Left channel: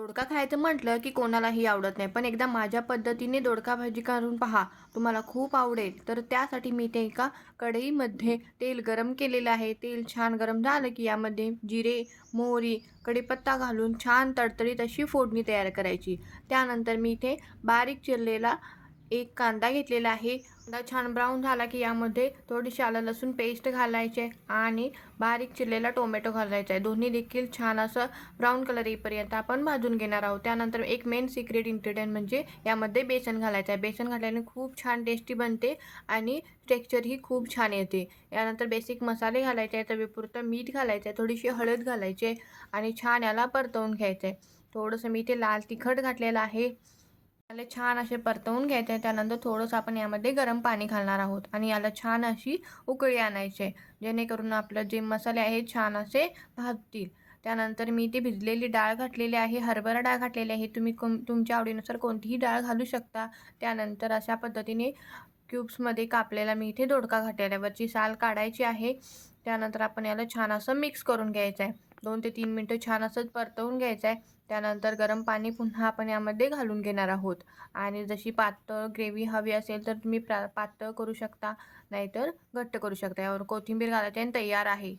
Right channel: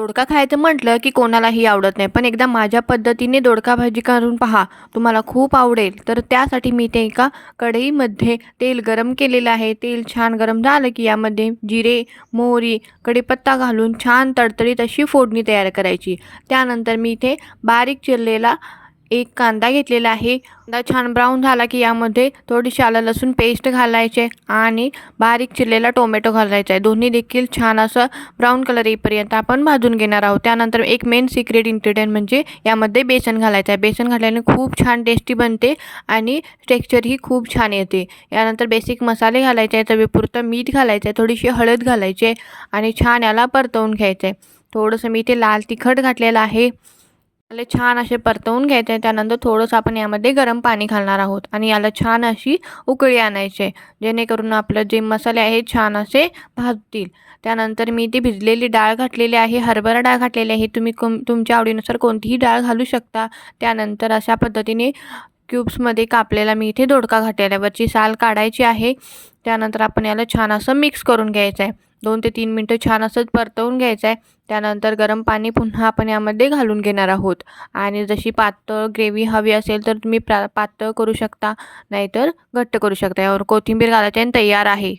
दोडका खायचं म्हटलं की कोणालाही आवडत नाही, पण एकदा माझ्या पद्धतीने दोडका भाजी करून पहा, तुम्हाला खूप आवडेल. तर त्यासाठी मी ते एका कढईमध्ये तेल गरम केलेलं आहे. तेल छान गरम झालं की यामध्ये जिरे, मोहरी, कढीपत्ता घालून छान तडतडीत अशी फोडणी तयार करायची. त्यानंतर मी इथे बारीक चिरलेला एक कांदा घेतलेला आहे. कांदा छान ब्राऊन झाला की यामध्ये थोडीशी आलं लसूण पेस्ट घालायचे आणि बारीक चिरलेला टोमॅटो घालायचा आहे. दोन्ही देखील छान असं ब्राऊन कलर येईपर्यंत आपण भाजून घेणार आहोत. त्यानंतर एक मेन सिक्रेट इन्ग्रेडियंट म्हणजे यामध्ये बेसन घालायचं आहे. बेसन घातल्याने खूप छान टेस्टी बनते आणि टेक्स्चरही खूप छान येते. यानंतर बेसिक मसाले घालायचे आहे, चवीपुरतं मीठ घालायचं आहे, थोडीशी हळद घालायची आहे आणि छान याला परतवून घ्यायचं आहे. थोडंसं मी इथे लाल तिखट घातलेलं आहे. याला छान असे परतवून घ्यायचे आहे. त्यानंतर थोडंसं आपण यामध्ये गरम पाणी घालणार आहोत आणि याला छान अशी उकळी आणायची आहे, जेणेकरून आपलं जे मसाले आहेत छान असे भाजतील. त्यानंतर मी ती भिजलेली डाळ घातलेली आहे, हरभरा डाळ घातलेली आहे. तुम्ही तुमच्या आवडीनुसार कोणतीही डाळ घालू शकता. त्यानंतर अशा पद्धतीने क्यूब्समध्ये कापलेला मी इथे दोडका घातल्यावरची साल काढायची आहे. त्यानंतर आपण याला छान असं मिक्स करून घ्यायचं आहे. 2 ते 3 मिनटं छान असंच परतवून घ्यायचं आहे. त्यानंतर गरम पाणी पुन्हा आपण यामध्ये घालून घेणार आहोत आणि जशी पातळ ग्रेव्ही हवी असेल तर तुम्ही पातळ करू शकता, नाहीतर घट्ट करू शकता. यावर कोथिंबीर घालायची आणि तयार आहे.